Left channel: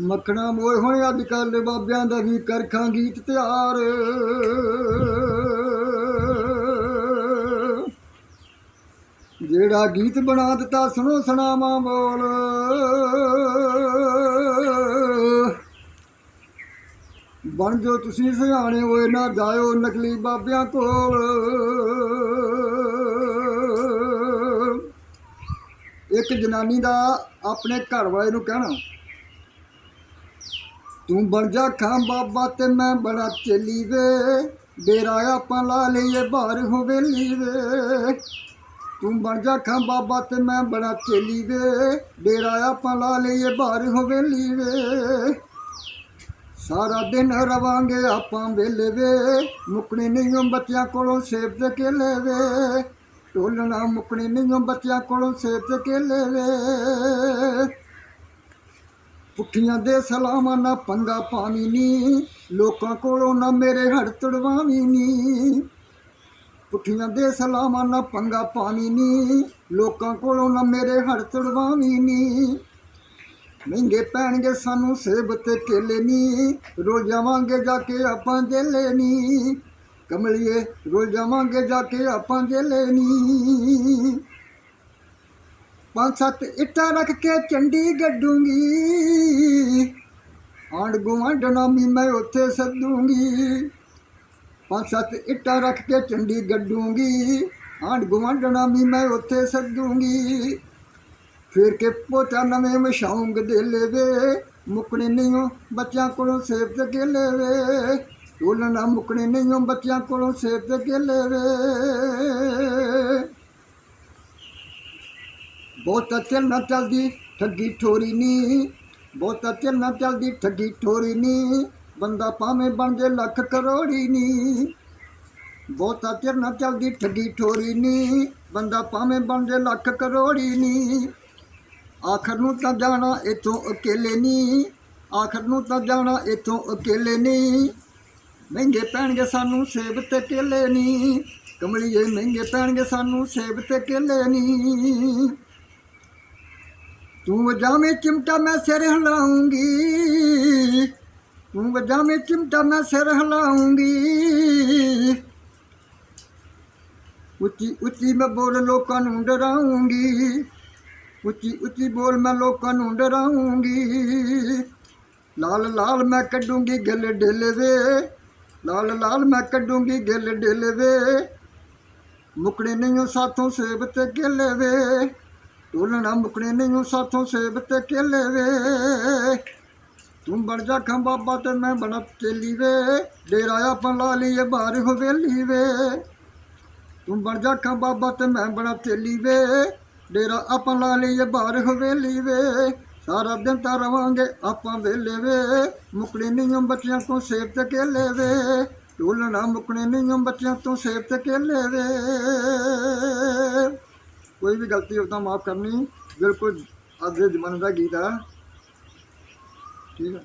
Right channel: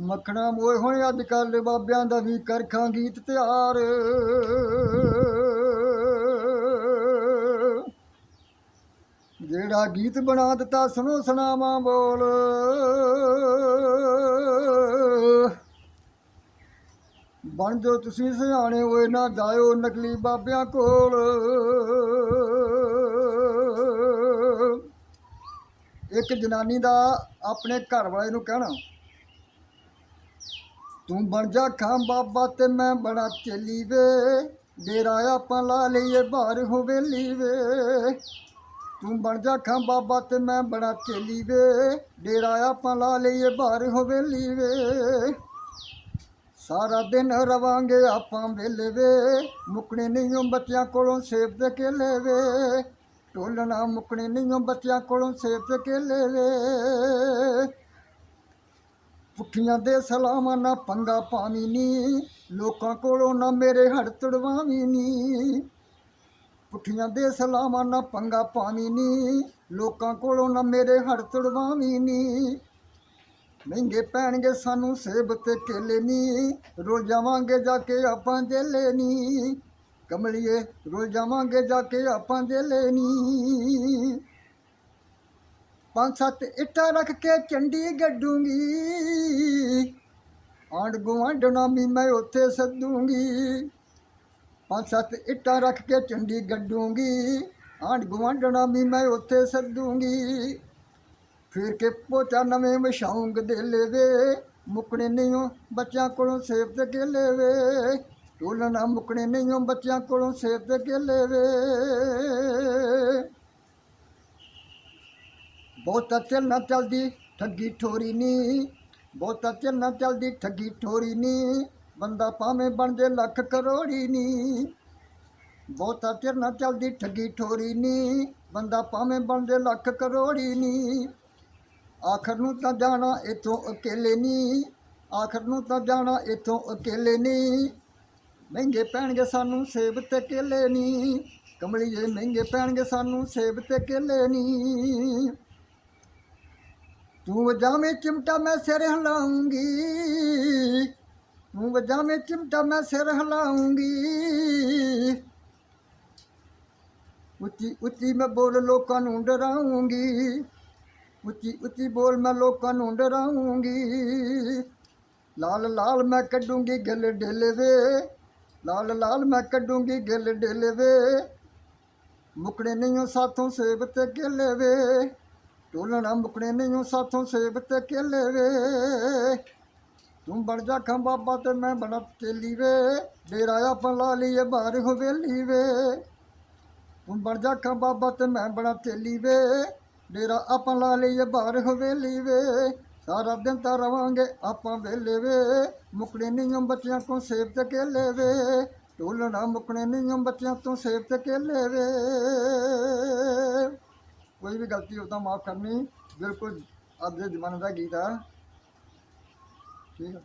ਮੱਖਣਾ ਮੋਏ ਹੋਏ ਅੱਜ ਕੱਲ ਬਾਬਿਆਂ ਦਾ ਵੀ ਕਰਖਾਂ ਗੀਤ ਤਿਆਰ। ਜਿਹੜਾ ਗੀਤ ਬਣਾ ਦਿੱਤਾ ਸੁਣੋ ਸੁਣਾਵਾਂ ਬੋਲ। ਬਣ ਜੋ ਤੁਸੀਂ ਸਿਆਣੇ ਹੋਏ ਨਾ ਜਾਇਓ ਨਕਲੀ ਬਾਬਿਆਂ ਕੋਲ। ਇੱਕ ਜਨਾਨੀ ਦਾ ਆਪਣੇ ਘਰ ਵਾਲੇ ਨੂੰ ਕਹਿਣਾ ਤੂੰ ਬਣ ਜਾ ਖਾਂ ਬਾਬਾ ਤੇ ਮੈਂ ਬਣਾ ਚੇਲੀ ਵੇ। ਡੇਰਾ ਆਪਾਂ ਲਾ ਲਈਏ, ਬਾਹਰ ਹਵੇਲੀ ਵੇ। ਤੂੰ ਬਣ ਜਾ ਖਾਂ ਬਾਬਾ ਤੇ ਮੈਂ ਬਣਾ ਚੇਲੀ ਵੇ। ਡੇਰਾ ਆਪਾਂ ਲਾ ਲਈਏ, ਬਾਹਰ ਹਵੇਲੀ ਵੇ। ਸਾਰਾ ਦਿਨ ਰਵਾਂਗੇ ਆਪਾਂ ਵੇਲੇ ਵੇ। ਮੁਕਣੀ ਨਹੀਂ ਬੱਚਿਆਂ ਕੋਲੋਂ ਸੇਬ ਤੇ ਕੇਲੇ ਵੇ। ਢੋਲਣਾ ਮੁਕਣੀ ਨਹੀਂ ਬੱਚਿਆਂ ਕੋਲੋਂ ਸੇਬ ਤੇ ਕੇਲੇ ਵੇ। ਪੁੱਠੀਆਂ ਦੇ ਸਲਾਮਾਂ ਨਾ ਪੰਗਾ ਪਾਵੀ ਨੀ, ਲੋਕਾਂ ਕੋਲੋਂ ਨਾ ਮੇਰੇ ਹੜ ਤੜਵਾਵੀ ਨੀ। ਪੁੱਠੀਆਂ ਦੇ ਸਲਾਮਾਂ ਨਾ ਪੰਗਾ ਪਾਵੀ ਨੀ, ਲੋਕਾਂ ਕੋਲੋਂ ਨਾ ਮੇਰੇ ਹੜ ਤੜਵਾਵੀ ਨੀ। ਮਹਿੰਗੇ ਪੈਣਗੇ ਸਾਨੂੰ ਸੇਬ ਤੇ ਕੇਲੇ ਨੀ, ਰੋਲ ਜਾਵਾਂਗੇ ਜਾ ਕੇ ਆਪਾਂ ਜੇਲੇ ਨੀ। ਕਮਲਿਏ, ਰੋਲ ਜਾਵਾਂਗੇ ਜਾ ਕੇ ਆਪਾਂ ਜੇਲੇ ਨੀ। ਪੰਜ ਸੱਤ ਇੱਟਾਂ ਰੱਖ ਕੇ ਚੰਡੀ ਗੱਡੂਗੀ ਆਂਡ ਗੁਆਂਢ ਨਾਮੀ ਮੈਂ ਉੱਥੇ ਸੱਦੂਗੀ। ਪੰਜ ਸੱਤ ਇੱਟਾਂ ਰੱਖ ਕੇ ਚੰਡੀ ਗੱਡੂਗੀ ਆਂਡ ਗੁਆਂਢ ਨਾਮੀ ਮੈਂ ਉੱਥੇ ਸੱਦੂਗੀ। ਫਿਰ ਕੇ ਪੋਚਾ ਨਵੇਂ ਮਸ਼ਾਉਂਗ ਦੇ ਲੇਵੇ ਮੁਕਣੇ ਨਹੀਂ ਬੱਚਿਆਂ ਕੋਲੋਂ ਸੇਬ ਤੇ ਕੇਲੇ ਵੇ। ਢੋਲਣਾ ਮੁਕਣੇ ਨਹੀਂ ਬੱਚਿਆਂ ਕੋਲੋਂ ਸੇਬ ਤੇ ਕੇਲੇ ਵੇ। ਬਹੁਤਾ ਚੱਲ ਨਾ ਚਲਦੀ ਠੱਗੀ ਠੋਰੀ ਨੀ, ਬਹੁਤਾ ਚੱਲ ਨਾ ਚਲਦੀ ਠੱਗੀ ਠੋਰੀ ਨੀ, ਬੰਦਾ ਭਾਵੇਂ ਬਣ ਜੇ ਲੱਖ ਕਰੋੜੀ ਨੀ। ਬਹੁਤਾ ਚਿਰ ਨਾ ਚਲਦੀ ਠੱਗੀ ਠੋਰੀ ਨੀ, ਬੰਦਾ ਭਾਵੇਂ ਬਣ ਜੇ ਲੱਖ ਕਰੋੜੀ ਨੀ। ਆਖਰ ਨੂੰ ਤਾਂ ਜਾਣਾ ਇਥੋਂ ਅਕੇਲੇ ਨਹੀਂ ਆਖਰ ਨੂੰ ਤਾਂ ਜਾਣਾ ਇਥੋਂ ਅਕੇਲੇ ਨਹੀਂ ਮਹਿੰਗੇ ਪੈਣਗੇ ਸਾਨੂੰ ਸੇਬ ਤੇ ਕੇਲੇ ਨਹੀਂ ਕਮਲੀਏ ਮਹਿੰਗੇ ਪੈਣਗੇ ਸਾਨੂੰ ਸੇਬ ਤੇ ਕੇਲੇ ਨਹੀਂ ਤੂੰ ਵਜਾਵੇਂ ਚਿਮਟਾ ਮੈਂ ਸਿਰ ਹਿਲਾਉਂਗੀ। ਤੂੰ ਵਜਾਵੇਂ ਚਿਮਟਾ ਮੈਂ ਸਿਰ ਹਿਲਾਉਂਗੀ। ਉੱਚੀ ਉੱਚੀ ਮੈਂ ਬੋਲ ਲੋਕਾਂ ਨੂੰ ਡਰਾਉਂਗੀ। ਉੱਚੀ ਉੱਚੀ ਬੋਲ ਮੈਂ ਲੋਕਾਂ ਨੂੰ ਡਰਾਉਂਗੀ। ਲਾਲ ਲਾਲ ਮੈਂ ਕੱਢੂੰਗੀ ਗਿੱਲ ਡੇਲੇ ਵੇ। ਲਾਲ ਲਾਲ ਮੈਂ ਕੱਢੂੰਗੀ ਗਿੱਲ ਡੇਲੇ ਵੇ। ਮੁਕੜੇ ਨਹੀਂ ਓ ਸਾਥੋਂ ਸੇਬ ਤੇ ਗਿੱਲ ਕੇਲੇ ਵੇ ਨਾ ਮੁਕਣੇ ਨਹੀਂ ਸਾਥੋਂ ਸੇਬ ਤੇ ਕੇਲੇ ਵੇ। ਤੂੰ ਬਣ ਜਾ ਖਾਂ ਬਾਬਾ ਤੇ ਮੈਂ ਬਣਾ ਚੇਲੀ ਵੇ। ਡੇਰਾ ਆਪਾਂ ਲਾ ਲਈਏ ਬਾਹਰ ਹਵੇਲੀ ਵੇ। ਤੂੰ ਬਣ ਜਾ ਖਾਂ ਬਾਬਾ ਤੇ ਮੈਂ ਬਣਾ ਚੇਲੀ ਵੇ। ਡੇਰਾ ਆਪਾਂ ਲਾ ਲਈਏ ਬਾਹਰ ਹਵੇਲੀ ਵੇ। ਸਾਰਾ ਦਿਨ ਤਾਂ ਰਵਾਂਗੇ ਆਪਾਂ ਵੇਲੇ ਵੇ। ਮੁਕਣੇ ਨਹੀਂ ਬੱਚਿਆਂ ਤੋਂ ਸੇਬ ਤੇ ਕੇਲੇ ਵੇ। ਢੋਲਣਾ ਮੁਕਣੇ ਨਹੀਂ ਬੱਚਿਆਂ ਤੋਂ ਸੇਬ ਤੇ ਕੇਲੇ ਵੇ। ਕੋਈ ਵੀ ਗਲਤੀ ਹੋ ਤਾਂ ਮਾਫ ਕਰਨੀ, ਬਿਲਕੁਲ ਅੱਜ ਦੇ ਜ਼ਮਾਨੇ ਦਾ ਗੀਤ ਆ। ਠੀਕ ਹੈ